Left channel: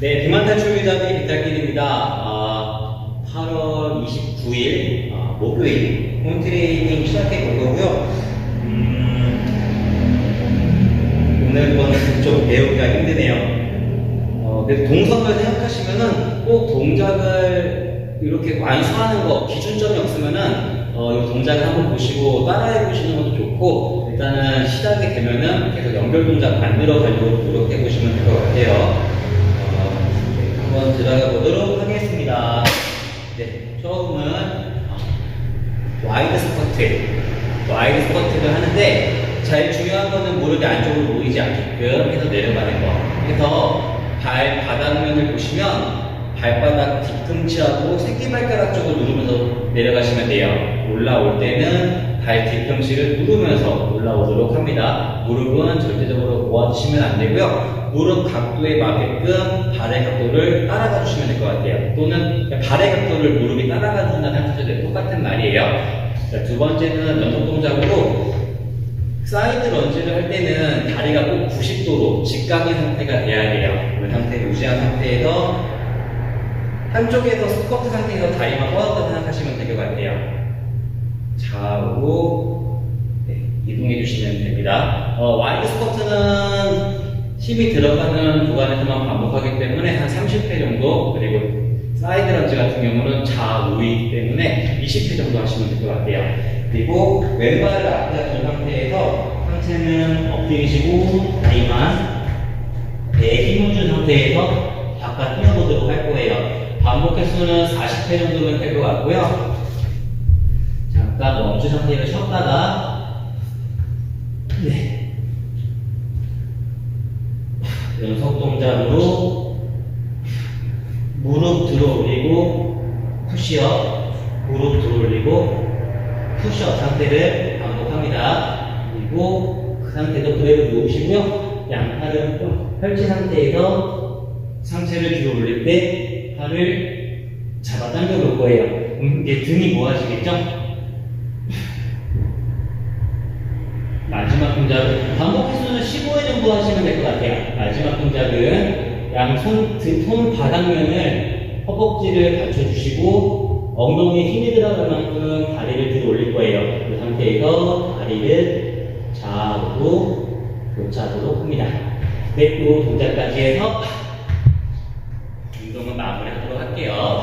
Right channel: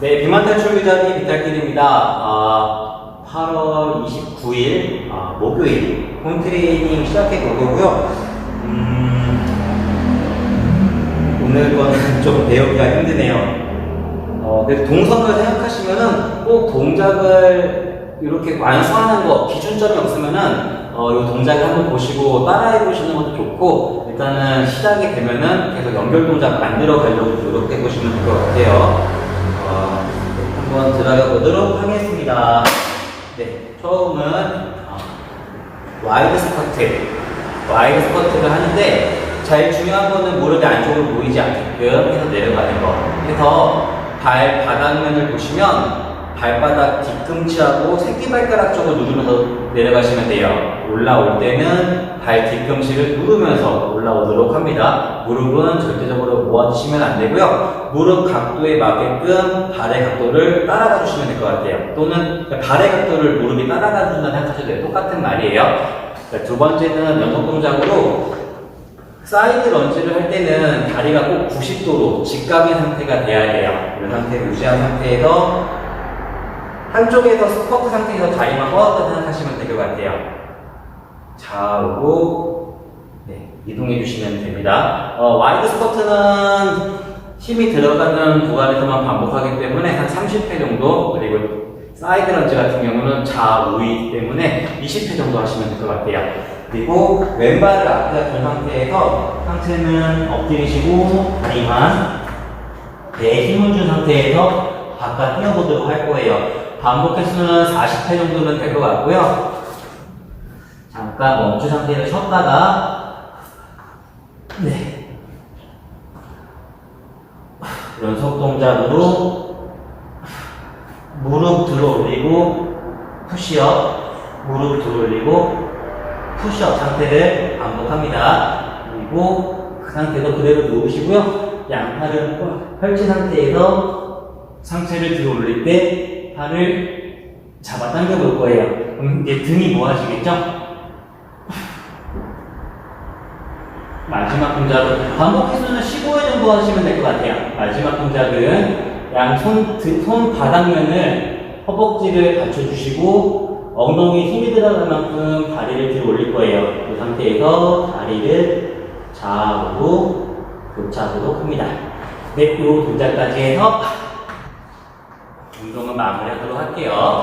네, 비만 탈출 유자비 비탈길입니다. 아, 8월 29일 아, 목요일 홈트레이닝 시작해 보려고요. 음, 오늘 거는 좀 배우기가 힘드네요. 어, 그래서 동선을 생각하시면은 꼭 동작을 이렇게 완수하는 거 기준점이 없으면은 어, 이 동작을 한번 보시고 따라해 보시는 것도 좋고 일단은 시작이 되면은 계속 연결 동작 만들어 가려고 노력해 보시면 될 것 같아요. 와이드 스쿼트, 와이드 스쿼트를 하는데 제일 중요한 거는 무릎이 안쪽으로 모이지 않게끔 해서 내려가는 거. 그래서 발 바닥면을 보시면 발바닥 뒤꿈치하고 새끼발가락 쪽을 누르면서 내려가시면 돼요. 올라올 때는 발 뒤꿈치를 누르면서 올라오도록 합니다. 무릎은 절대적으로 모아주시면 안 되고요. 무릎 각도에 맞게끔 발의 각도를 따라가 주시면 될 것 같아요. 또는 발의 각도를 무릎이 따라가 준다는 생각하셔도. 똑같은 말이에요. 자, 두 번째는 연속 동작으로 사이드 런지를 할 때는 다리가 꼭 90도로 직각인 상태가 돼야 돼요. 이 상태를 유지한 상태에서 한쪽에서 스쿼트 상태에서 다리만 뻗었다고 생각하시면 될 것 같아요. 좌우로 네, 이동해 주시면 됩니다. 어, 와이드 스쿼트는 힘이 들어가는 구간에서만 반복하기 때문에 한 30회 정도 그리고 사이드 런지 같은 경우는 좌우이기 때문에 20회 정도 하시면 될 것 같아요. 그리고 왼발을 앞에 둔 상태에서 상체는 엎드리시고 다리만 배에 힘을 준 상태에서 바깥 뛰어보도록 할 거예요. 반복 횟수는 40회 정도면 될 것 같고요. 잠깐 멈춘 상태에서 쉬었다가 네 연속 동작으로 무릎 들어 올리고 푸시업 무릎 들어 올리고 푸시업 상태를 반복합니다. 그리고 그 상태도 그대로 누우시고요. 양팔을 펼친 상태에서 상체를 들어 올릴 때 팔을 잡아 당겨 볼 거예요. 그럼 이제 등이 모아지겠죠? 마지막 동작은 반복 횟수는 15회 정도 하시면 될 것 같아요. 마지막 동작은 양손 손 바닥면을 허벅지를 받쳐주시고 엉덩이에 힘이 들어갈 만큼 다리를 들어 올릴 거예요. 그 상태에서 다리를 좌우로 교차하도록 합니다. 네, 이 동작까지 해서 운동은 마무리하도록 할게요.